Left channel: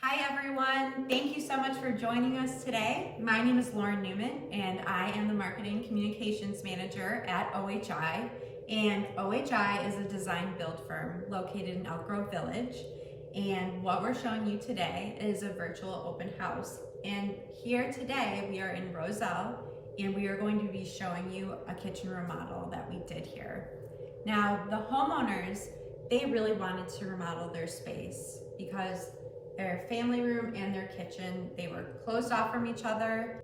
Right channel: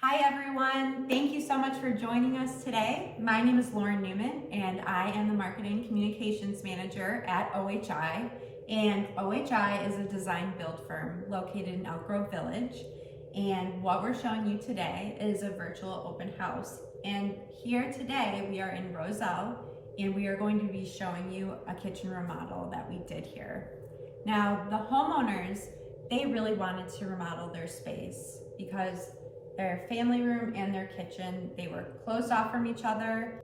Hi everyone, thank you so much for joining us today. My name is Lauren Newman and I am the Marketing Communications Manager at OHI. And OHI is a design build firm located in Elk Grove Village. And what we're showing you today is a virtual open house. And here today we are in Roselle and we are going to be showing you a kitchen remodel that we did here. Now the homeowners, they really wanted to remodel their space because their family room and their kitchen, they were closed off from each other.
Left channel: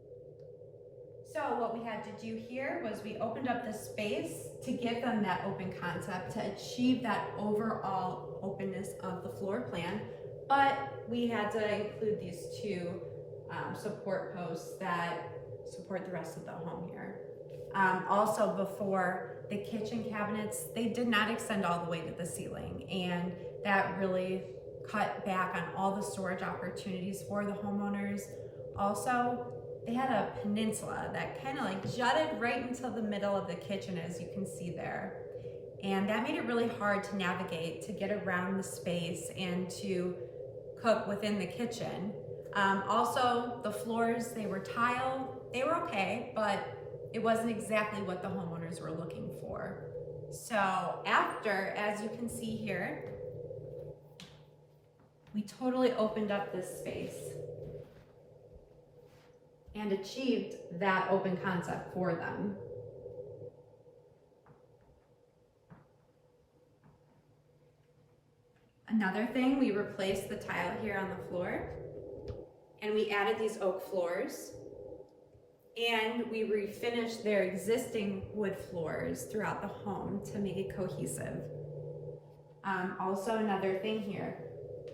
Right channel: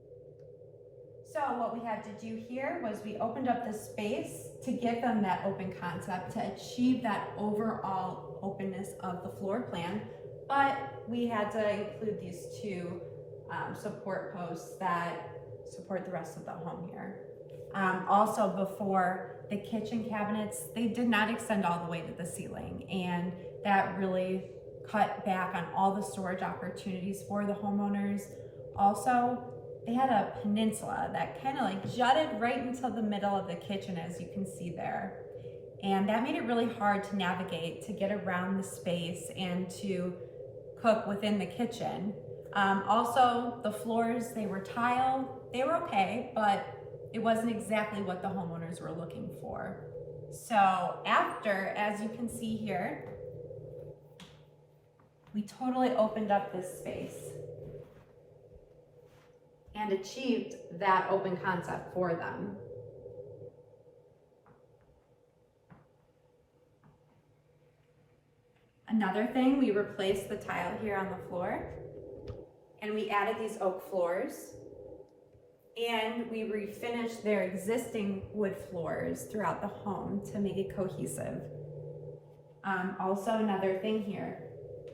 So what we had to do here was we opened up the space to give them that open concept to achieve that overall openness of the floor plan, but we had to include these two support posts that support the rest of the home here. Also, before, the kitchen cabinets, they did not extend all the way to the ceiling, and that really cut back on all the storage opportunities for the homeowners. Also, they had a peninsula that kind of like jutted right into the middle of the kitchen, as you can see there. And that made it really hard to navigate, to get around the space and to cook within the kitchen. Also, the floors, they were tile. They were okay, but it wasn't exactly what the homeowners were looking for. So after, as you can see here, we totally opened up this space and achieved that open concept for them. Another thing, we replaced the tile here on the floor and we added these oak floors, and we refinished their existing wood floors throughout the home to make it cohesive. Also, another thing here,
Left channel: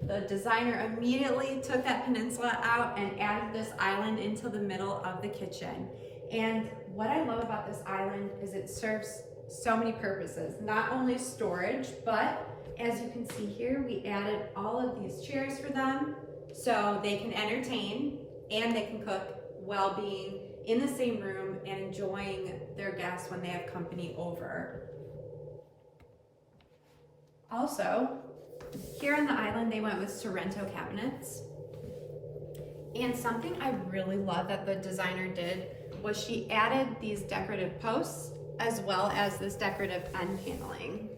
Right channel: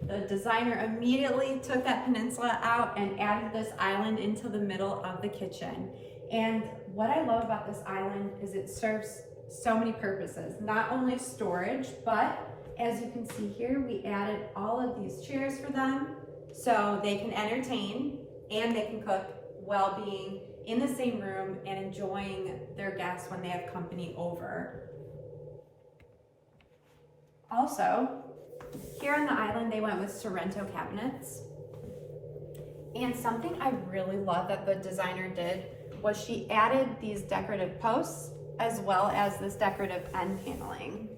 the designer immediately took that peninsula out and added this island into the middle of the kitchen. And what I love about this island is it serves so many purposes, not only storage, but as you can see here, we added all of these chairs for them so they can entertain and they can cook while being in the same room and enjoying their guests when they have company over. Also, here on the island, they went with Sorrento cabinets. And something I really love that the designer did was she added these decorative posts as well as this decorative end paneling.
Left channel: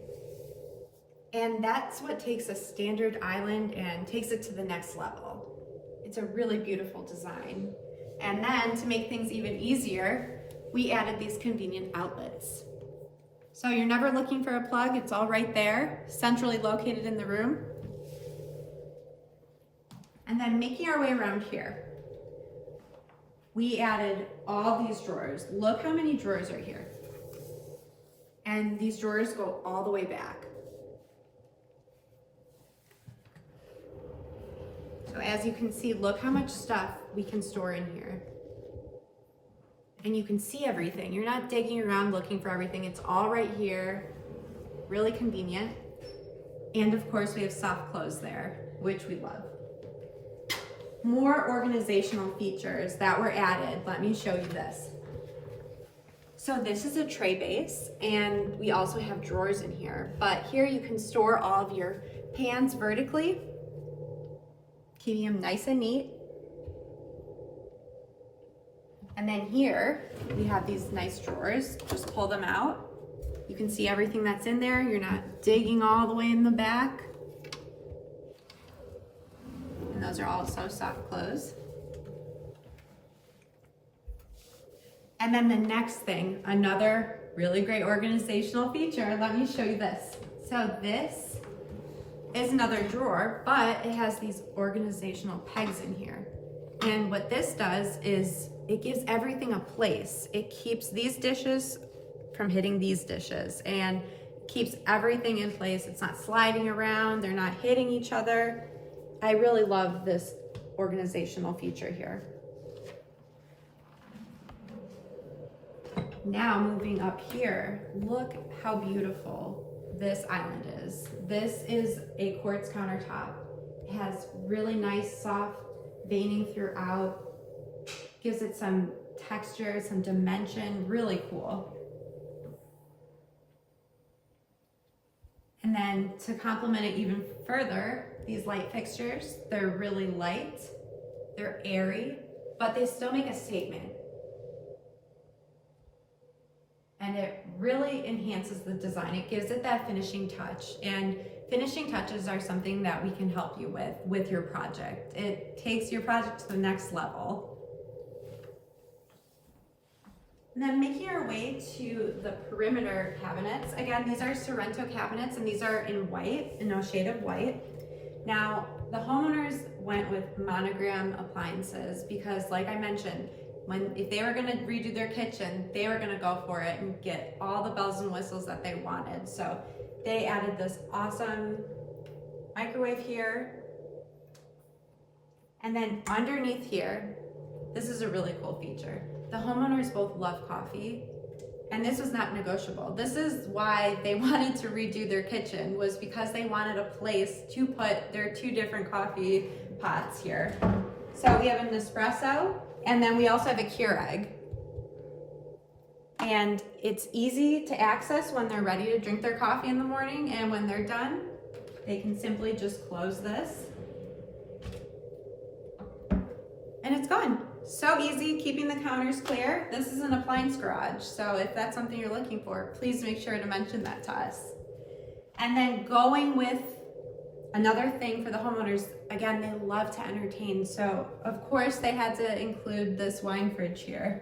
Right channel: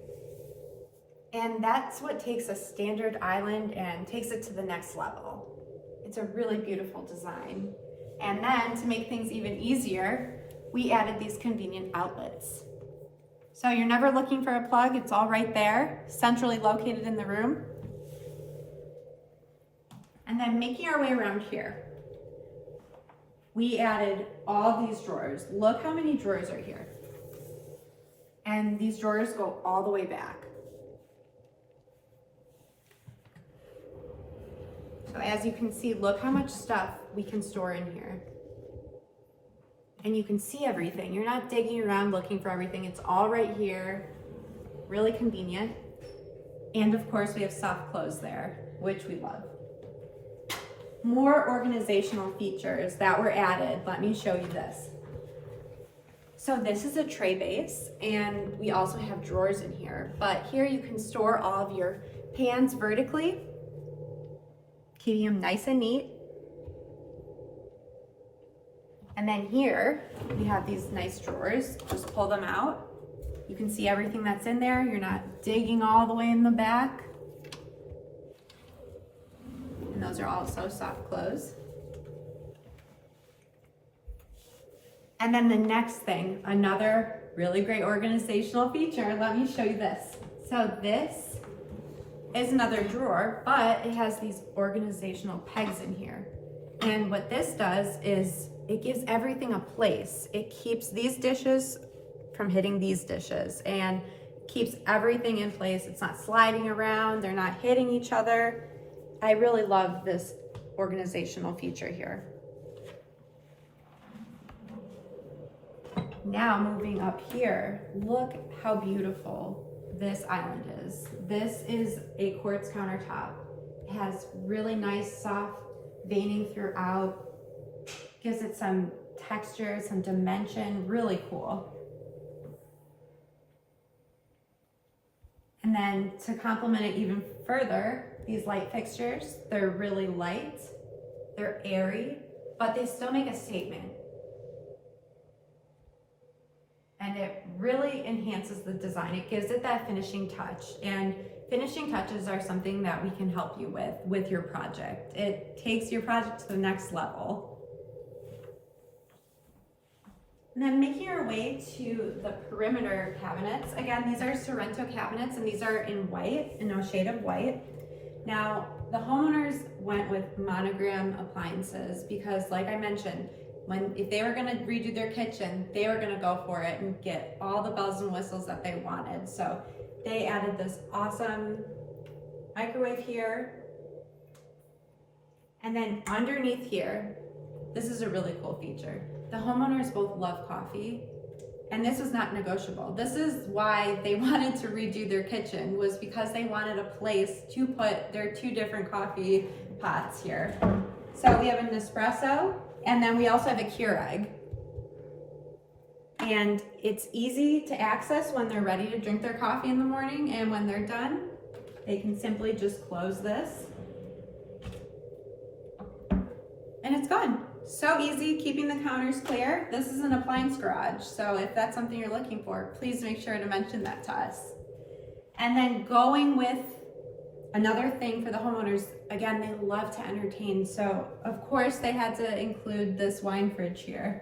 And that's what takes a standard island and takes it to the next level. It's a really beautiful design. And then to make things even easier, we added these convenient outlets. So you're never looking for a plug, it's all right there, centrally located in the room. And then making our way around here, we added all these drawers. Look how many drawers are here. And these drawers go all the way back. So as you can see, look how much stuff we can store in here. And you can see everything. You're not digging around looking for everything. It's all right here, really convenient. And of course we have soft close there, which we love. More organizational features that were added. Let me show you this. So this is a tray base, and we also have drawers in here, but here you can store all of your pans vertically, keeping them nice and neat. And then here, we have these nice drawers. Just pull them out. You can see everything that's in there. You're not digging all the way in the back. And those are also soft close. And then the next thing, another really great organizational feature. Let me show you this. So this is another drawer, but it has these organizational pegs in here. And what this does is it gives everything a place. It keeps these dishes from hitting these dishes and keeps everything in place. It's not sliding around, they're not hitting each other. I really love this organizational feature here. Now moving up here, look how beautiful this island is. This is a quartz countertop. It has really nice soft veining throughout. Gives it some texture, some dimension, really cool. And then to complement it even further, these light fixtures. They're really light, they're airy, but they still make a statement. And it really enhances the design. It gives it that finishing touch. And finishing touches are something that we can help you with your project. It takes your project to the next level. And then making our way to the perimeter cabinets. Again, these are Sorrento cabinets, and these are in white, in no shade of white. Now, the homeowners went with monogram appliances because, like I mentioned, if they were gonna redo their kitchen, they were gonna go for it and get all the bells and whistles that they wanted. So they added this awesome microwave here. And then underneath here, this is a really cool feature. The homeowners both love coffee, and this was not negotiable. This is why they wanted to redo their kitchen, was because they wanted a place to put their 2 different coffee pots here. So we have an espresso, and then we also have a Keurig. And it's easy to access when they're ready to drink their coffee in the morning, and when they're done, they can simply just close this. And it's gone. So easy, keeping the counters clear. This is an appliance garage, so if that's something you're looking for, please make sure to mention that to us. And then going with another thing for the homeowners, again, they love to entertain, so of course they had to include this wine fridge here.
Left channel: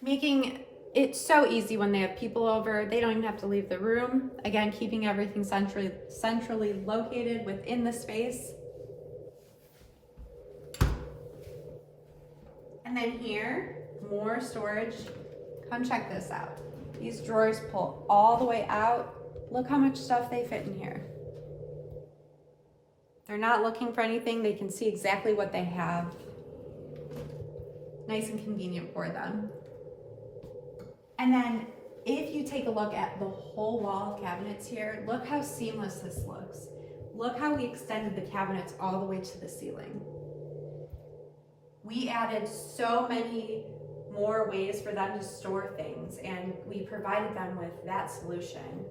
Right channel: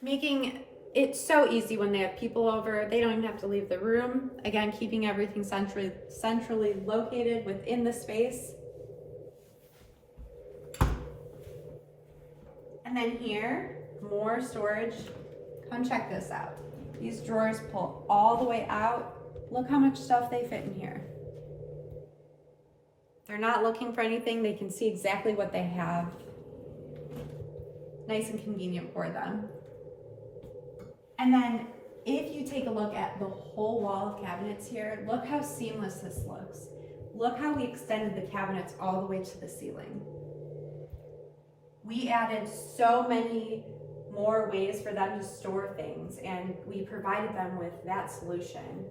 Making it so easy when they have people over, they don't even have to leave the room. Again, keeping everything centrally located within the space. And then here, more storage. Come check this out. These drawers pull all the way out. Look how much stuff they fit in here. They're not looking for anything. They can see exactly what they have. Nice and convenient for them. And then if you take a look at the whole wall of cabinets here, look how seamless this looks. Look how we extended the cabinets all the way to the ceiling. We added so many more ways for them to store things, and we provided them with that solution.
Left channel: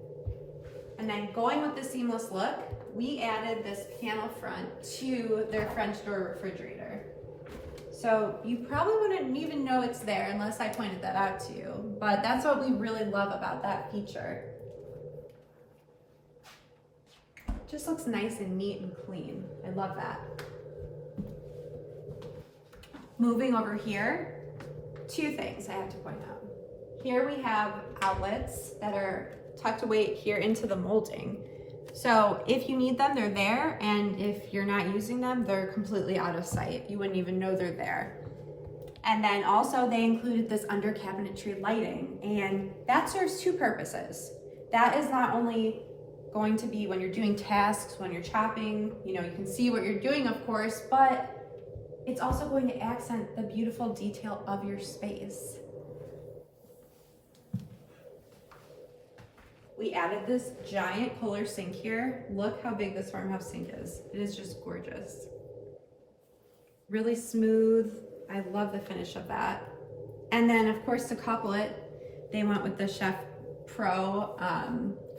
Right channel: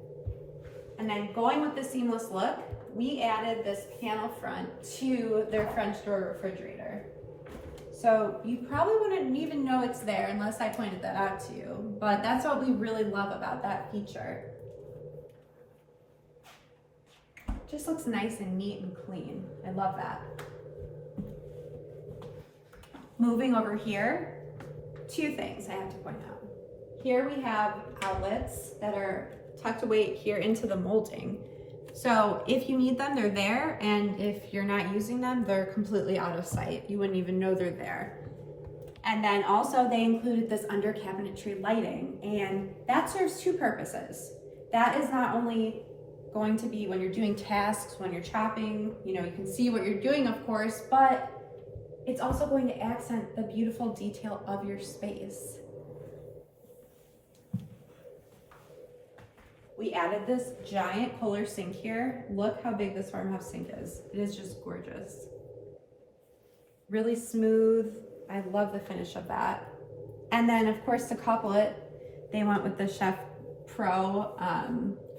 And then going with the seamless look, we added this panel front to their French door refrigerator. So you probably wouldn't even know it's there unless I pointed that out to you, but that's what we really love about that feature. It just looks nice and neat and clean. I love that. Moving over here, 2 things I have to point out. Here we have outlets that are tucked away here into the molding. So if you need them, they're there, and if you're not using them, they're completely out of sight. You wouldn't even know they're there. And then also they included this under cabinetry lighting, and that serves 2 purposes. That is not only going to be when you're doing tasks, when you're chopping, you can see what you're doing, of course, but it's also going to accent the beautiful detail of your space. We added this giant Kohler sink here. Look how big this farmhouse sink is. It is just gorgeous. Really smooth. I love the finish of that. And then of course to couple it, they went with the Chef Pro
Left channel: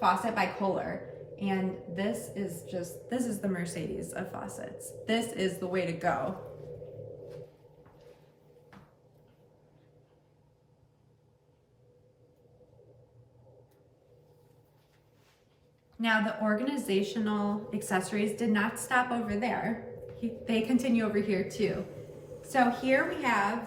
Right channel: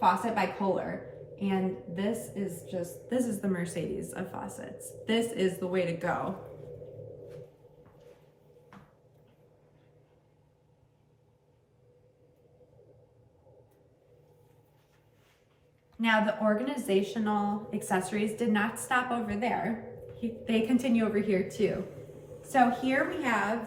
faucet by Kohler. And this is the Mercedes of faucets. This is the way to go. Now the organizational accessories did not stop over there. They continue over here too. So here we have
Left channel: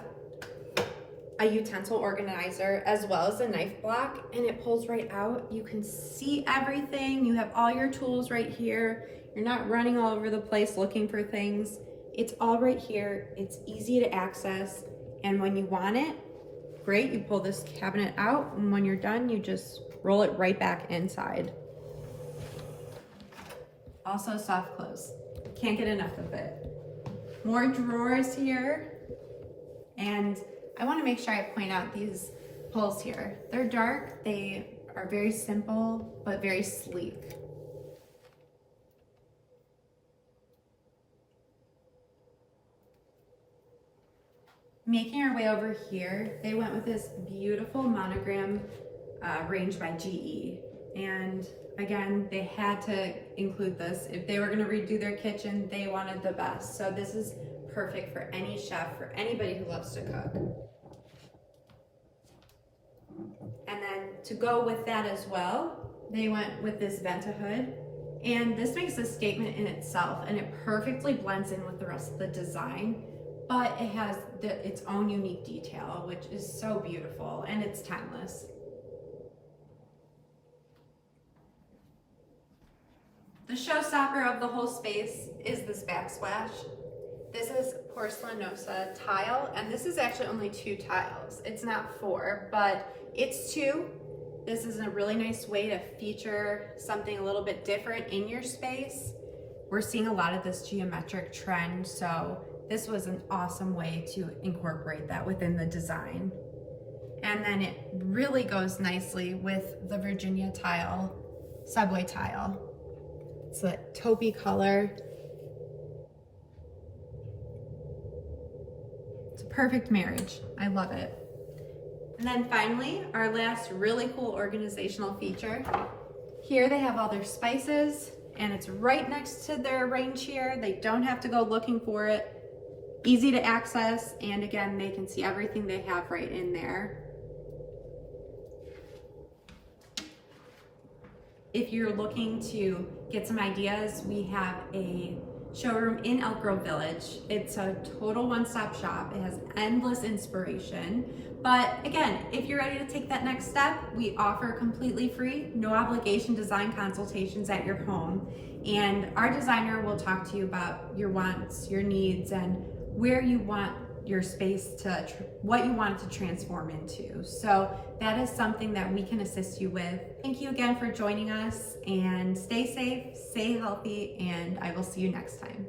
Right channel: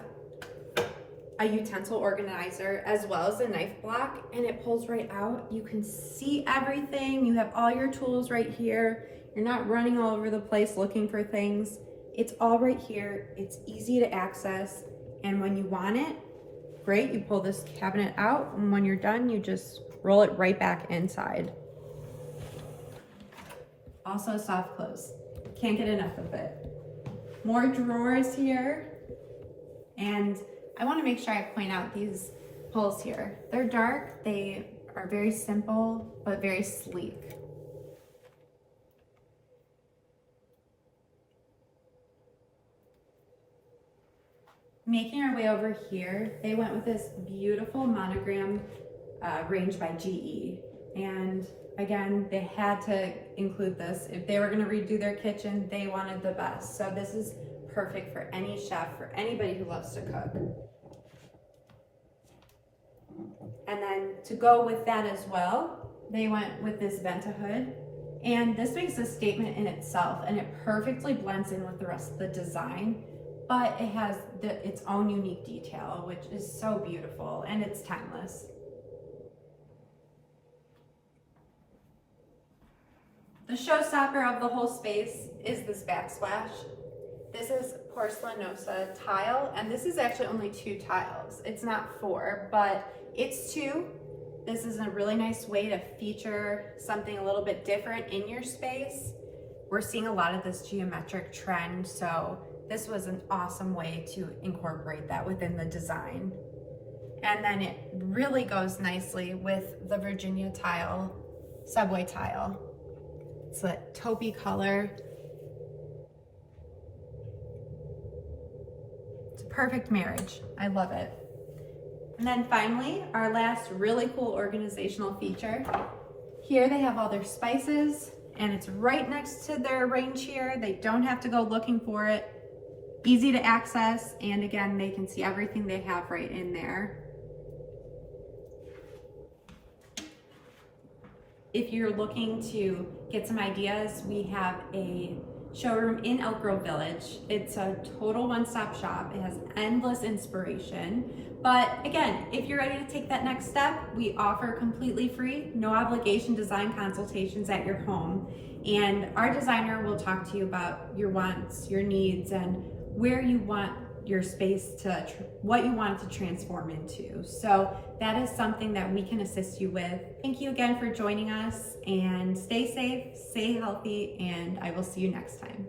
a utensil organizer as well as a knife block, and it pulls right out. You can see everything. You have all your tools right here. You're not running all over the place looking for things. It's all right here. It's easy to access. And when you want it, great, you pull this cabinet out, and when you're done, you just roll it right back inside. Also soft close. Can't get enough of it. More drawers here. And I want to make sure I point out these pulls here. They're dark. They are very simple, but very sleek. Making our way over here, they went with this beautiful monogram range by GE. And Again, they had to include this. If they were going to redo their kitchen, they wanted the best. So this is perfect for any chef, for anybody who loves to cook. And then to go with that as well, they went with this Vent-A-Hood. And this makes a statement in itself, and it perfectly blends in with the rest of the design, but it has its own unique detail, which is so beautiful, and it's timeless. The showstopper of the whole space is this backsplash. This is porcelanosa tile, and this is actually only 2 tiles. It's not 4, but it's 2. This is a really nice way to feature something a little bit different in your space. We're seeing a lot of this geometric trend, so this was an awesome way to incorporate that within the design. And then it really goes nicely with the Virginia tile, subway tile. It's a taupey color. It's a perfect marriage. I love it. And then finally, our last really cool organizational feature. Here they have all their spices, and it's right next to their range here. They don't have to go looking for it. Easy to access, and again, they can see everything they have right in there. If you're looking to get some ideas, we have a showroom in Elk Grove Village. It's a total one-stop shop. It has endless inspiration. But again, if you're ready to take that next step, we offer completely free, no obligation design consultations at your home. And our designer will talk to you about your wants, your needs, and where you want your space to, what you want it to transform into. So that is something that we can assist you with. Thank you again for joining us, and stay safe, stay healthy, and I will see you next time.